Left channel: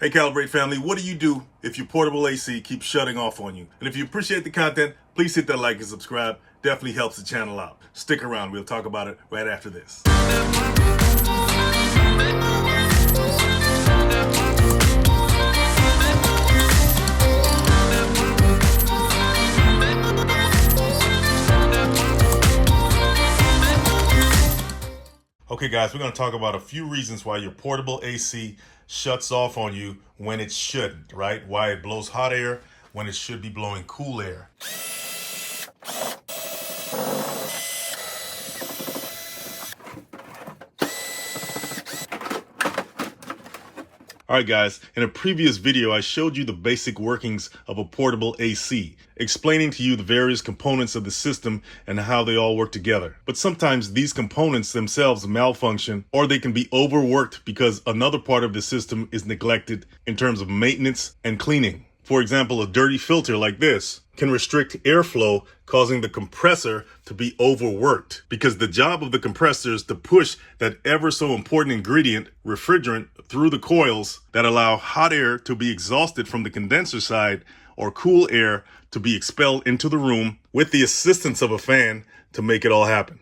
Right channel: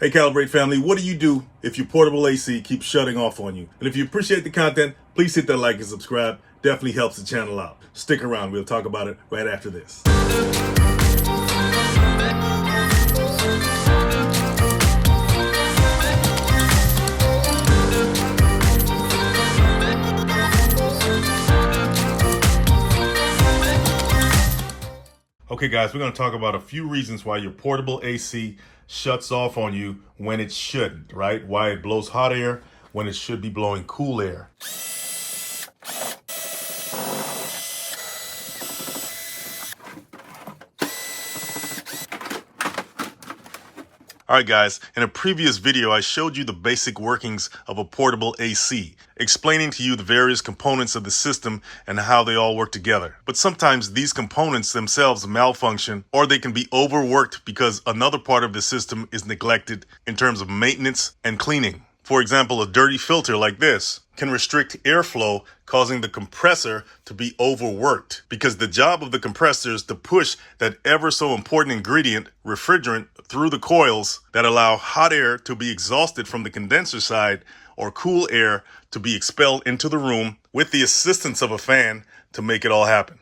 Hey Calibrate family, what do you do if your portable AC keeps shutting off on you? And if you appreciate the content, please hit that like and subscribe. Definitely helps the channel out. Stick around, we'll talk about it right after this. Okay guys, we're going to talk about a few reasons why your portable AC shuts off on you when it shouldn't, right? Why it blows hot air when it should be blowing cool air. Alright guys, in a previous video I showed you the basic workings of a portable AC, explaining to you the various components of the system and how they all work together. But sometimes these components themselves malfunction, or they can be overworked because another part of the system is neglected in terms of maintenance and cleaning. For example, a dirty filter like this can restrict airflow, causing the compressor to be overworked, because the job of the compressor is to push that ever so important ingredient, refrigerant, through the coils that allow hot air to be exhausted from the condenser side or cool air to be expelled into the room with the assistance of a fan to make it all happen.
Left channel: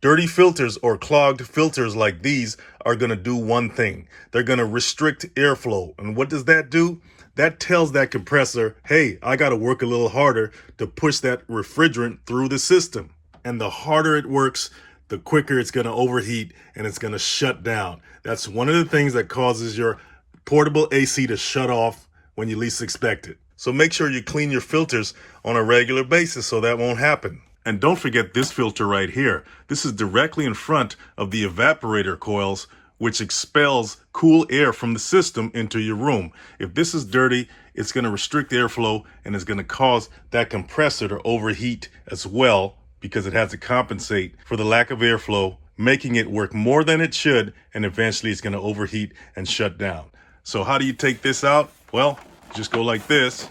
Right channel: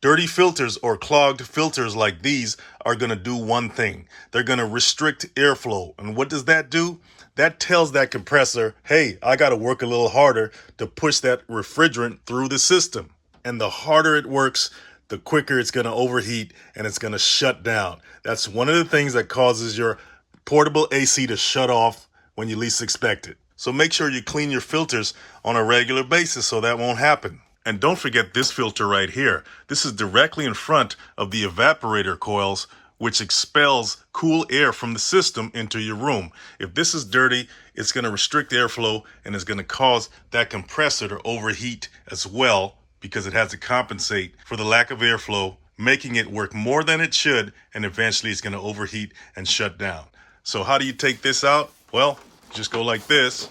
Dirty filters or clogged filters like these are going to do one thing. They're going to restrict airflow. And what does that do? That tells that compressor, hey, I got to work a little harder to push that refrigerant through the system. And the harder it works, the quicker it's going to overheat and it's going to shut down. That's one of the things that causes your portable AC to shut off when you least expect it. So make sure you clean your filters on a regular basis so that won't happen. And don't forget this filter right here. This is directly in front of the evaporator coils, which expels cool air from the system into your room. If this is dirty, it's going to restrict airflow and it's going to cause that compressor to overheat as well, because it has to compensate for the lack of airflow, making it work more than it should, and eventually it's going to overheat and shut down. So how do you take this out? Well, just go like this.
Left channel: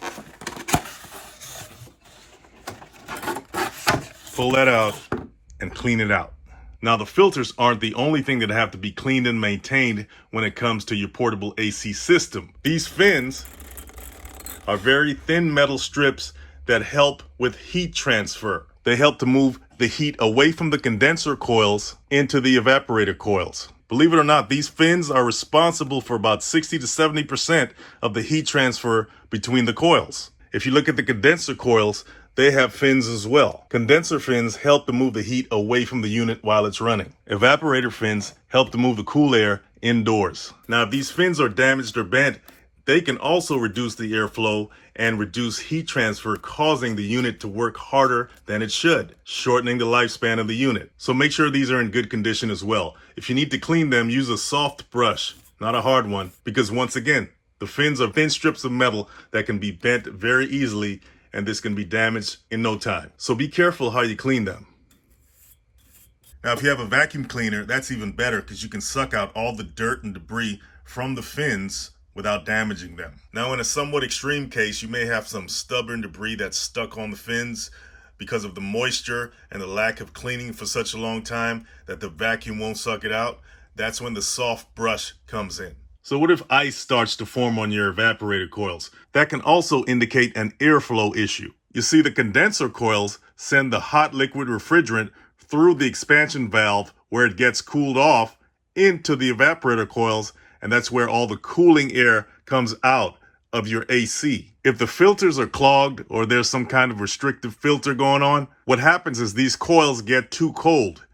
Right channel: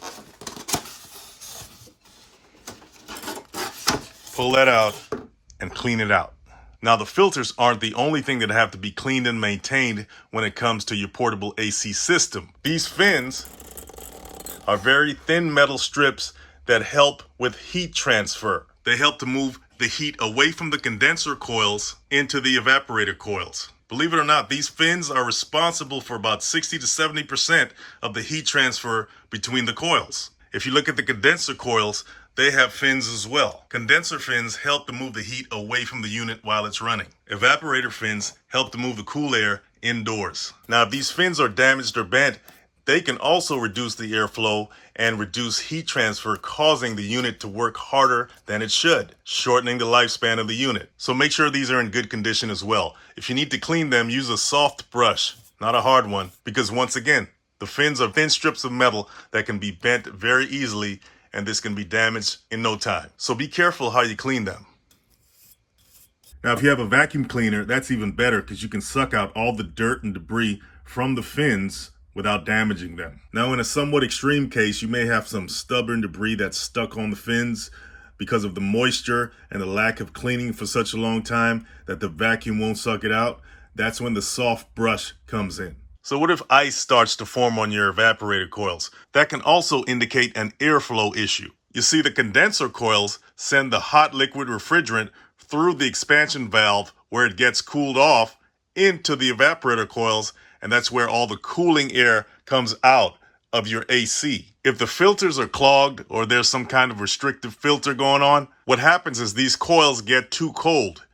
Pull that out and clean it out. Now, the filters aren't the only thing that have to be cleaned and maintained when it comes to your portable AC system. These fins are very thin metal strips that help with heat transfer. They help to move the heat away from the condenser coils into the evaporator coils. Believe it or not, these fins are responsible for about 60 to 70% of the heat transfer between the coils. If you look at the condenser coils, they have fins as well. Condenser fins help to move the heat away from the unit while it's running. Evaporator fins help to move the cool air indoors. Now, if these fins are damaged or bent, they can also reduce the airflow and reduce heat transfer, causing the unit to work harder than it should, shortening the lifespan of the unit. So make sure these are in good condition as well. If you need to clean them, use a soft brush, not a hard one, because once again, the fins are thin strips of metal that can be bent very easily, and this can be damaged in no time. So be careful how you clean them. Now, if you have a vacuum cleaner, that's even better, because you can suck out all the dirt and debris from the fins without damaging them. Now, in a somewhat extreme case, you may have some stubborn debris that's stuck on the fins because of the moisture and the lack of cleaning for such a long time that the vacuum won't suck it out. That's when the soft brush comes in. So what if ice starts to form on your evaporator coils? That can also indicate an airflow issue. You see, the condenser coils send the hot liquid refrigerant through the expansion valve where it gets cooled off into the evaporator coils, and that's where all the cooling air comes out of your AC. If the filters are clogged or there's some kind of restrictive filter going on, what happens is these coils get too cold.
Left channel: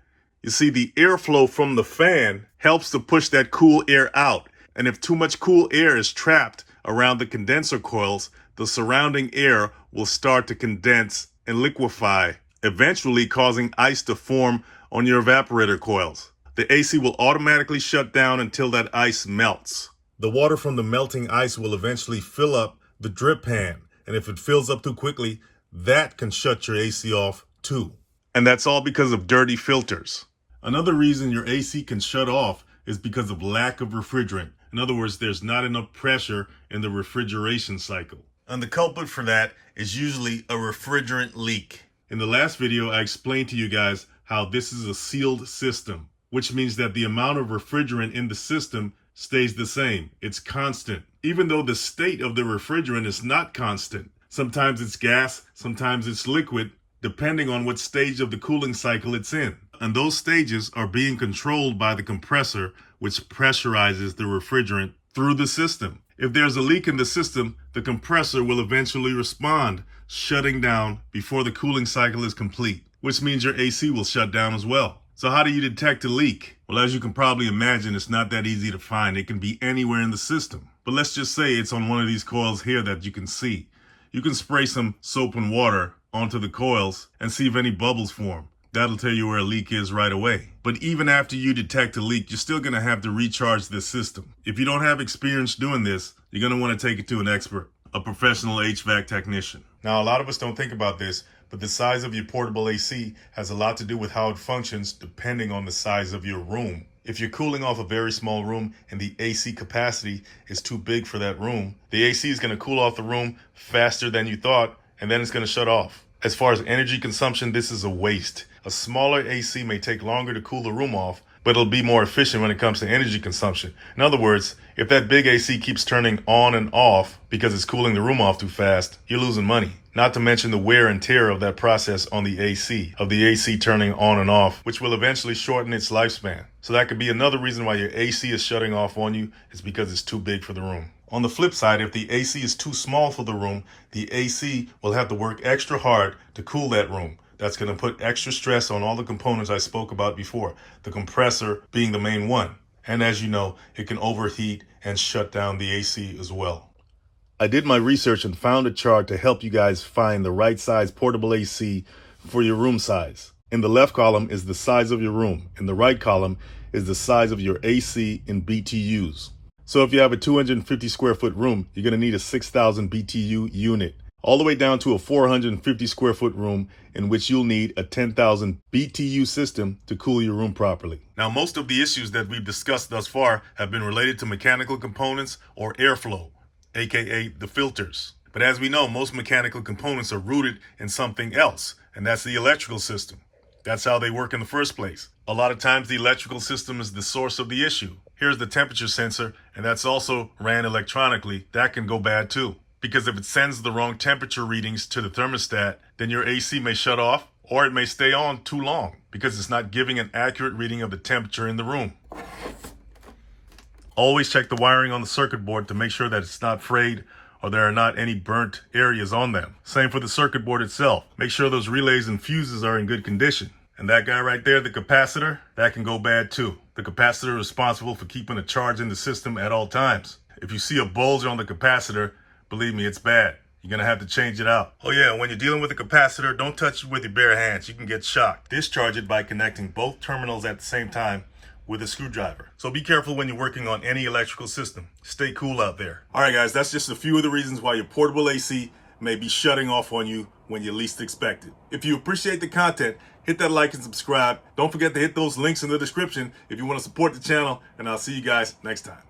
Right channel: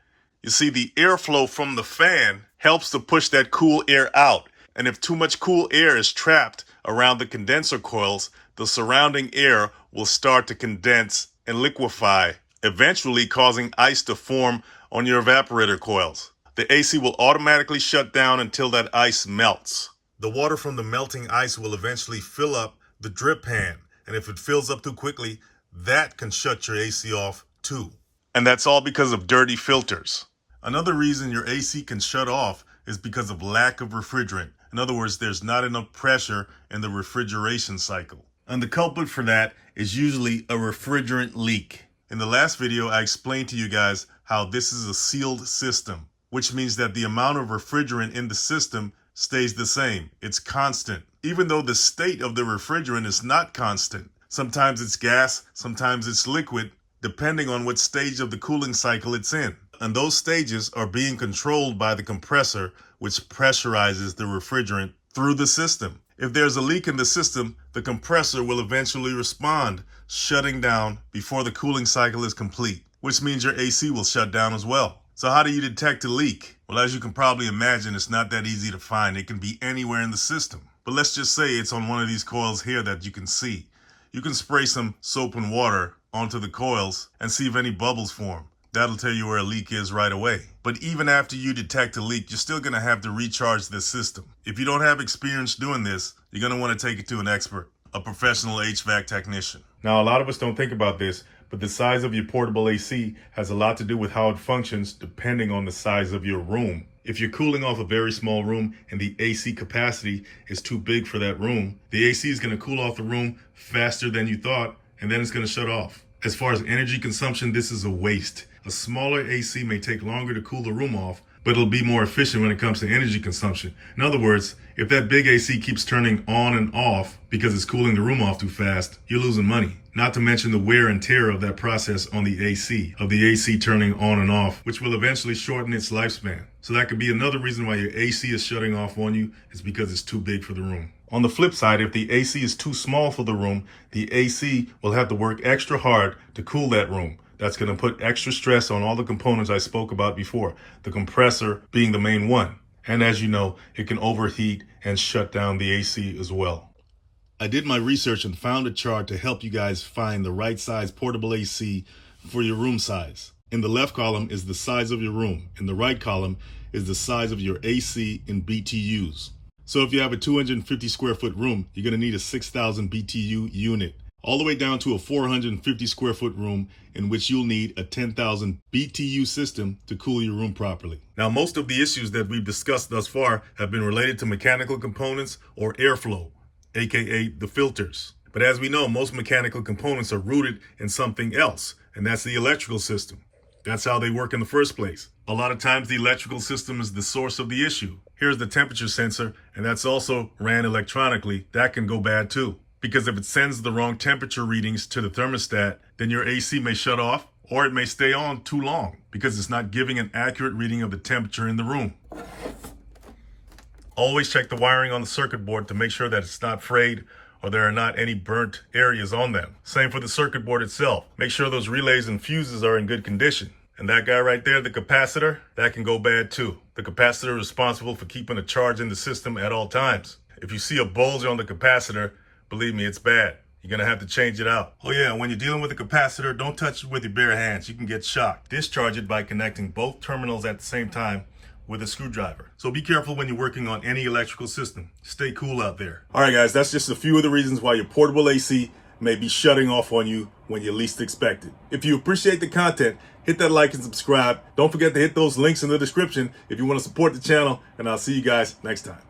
You see, the airflow from the fan helps to push that cool air out. And if too much cool air is trapped around the condenser coils, the surrounding air will start to condense and liquefy, eventually causing ice to form on your evaporator coils. The AC will automatically shut down until that ice melts. The water from the melting ice will eventually fill up the drip pan, and if it fills up too quickly, that can shut your AC off too. And that's all because of dirty filters. Another reason your AC can shut off is because of lack of refrigerant. In other words, there's not enough pressure in the refrigeration cycle. And the culprit for that is usually a refrigerant leak. In the last video, I explained to you guys how this is a sealed system. which means that the amount of refrigerant in the system stays the same. It's constant, even though the state of the refrigerant is not constant. Sometimes it's gas, sometimes it's liquid, depending on what stage of the cooling cycle it's in. And those stages are being controlled by the compressor, which pressurizes the refrigerant through the system. If there's a leak in the system, the compressor will eventually respond, shutting down before the cooling cycle is complete, which means your AC will shut down as well. So how do you detect a leak? Well, as you can probably imagine, it's not that easy to find. It can be anywhere in the system. But let's just say it's on one of these coils here that you can see. You can spray some soap and water onto the coils and see if any bubbles form. That'll tell you where a leak is right away. But even after you detect a leak, you're still going to have to recharge this system. If you don't have experience doing this, you're going to want to take it to an expert, a professional HVAC technician. Now, a lot of us don't think about this, but the size of your portable AC has a lot to do with how it functions depending on the size of your room. If you're cooling off a very small room and the AC capacity is too big for that room, the AC is going to cool off the room faster than you thought, and then it's going to shut off. As far as energy consumption, this is a waste. A smaller AC may take longer to cool the room off, but it'll be more efficient when it comes to energy consumption. In other words, if that big AC keeps turning on and off because it's cooling the room off too fast, you're losing money. Not to mention the wear and tear of that process on the AC turning on and off, which will eventually shorten its lifespan. So that could be another reason why your AC is shutting off on you, is because it's too big for the room. On the flip side, if the AC is too small for the room, the AC will have to work extra hard to cool that room. That's going to put extra stress on all the components I spoke about before, the compressor being the main one. And as you know, it can overheat and shut down the AC as well. I did my research and found a chart to help you guys find the right size portable AC for your room size. In the left column is the size of your room. In the right column is the size of your AC in BTUs. So if you have a 250 square foot room, you're going to need a 6,000 BTU unit, all the way down to a 450 square foot room in which you'll need a 10,000 BTU system to cool your room properly. Now, most of the issues that we've discussed thus far have been related to mechanical components or airflow, aka the filters. But as we know, most mechanical components are rooted in something else, and that's the electrical system. That's how they work in the first place. A lot of times the electrical system is the source of the issue. Here's the temperature sensor, and that's also ran electronically. That can go bad too, because if it sends the wrong temperature readings to the thermostat, then your AC may shut off, or it may stay on too long because it's not giving an accurate reading of the temperature in the room. Always check the wiring on the circuit board to make sure that it's not frayed or there are not any burnt areas on them. Same for the circuit board itself. Make sure those relays and fuses are in good condition. And that guy right there, the capacitor, that can go bad too. The capacitor is responsible for keeping a charge in the system at all times. If you see a bulge on the capacitor, believe me, it's bad. You're gonna have to change it out. Oh yeah, when you're dealing with a capacitor, don't touch it with your bare hands. You can get shocked. Discharge it by connecting both terminals at the same time with a screwdriver. So be careful when you're working on any electrical system. Stay cool out there. All right, guys, that's just a few of the reasons why your portable AC may be shutting off on you when you least expect it. If you appreciate the content, hit that like and subscribe. Don't forget to hit those links in the description if you want to support the channel, and I'll see you guys next time.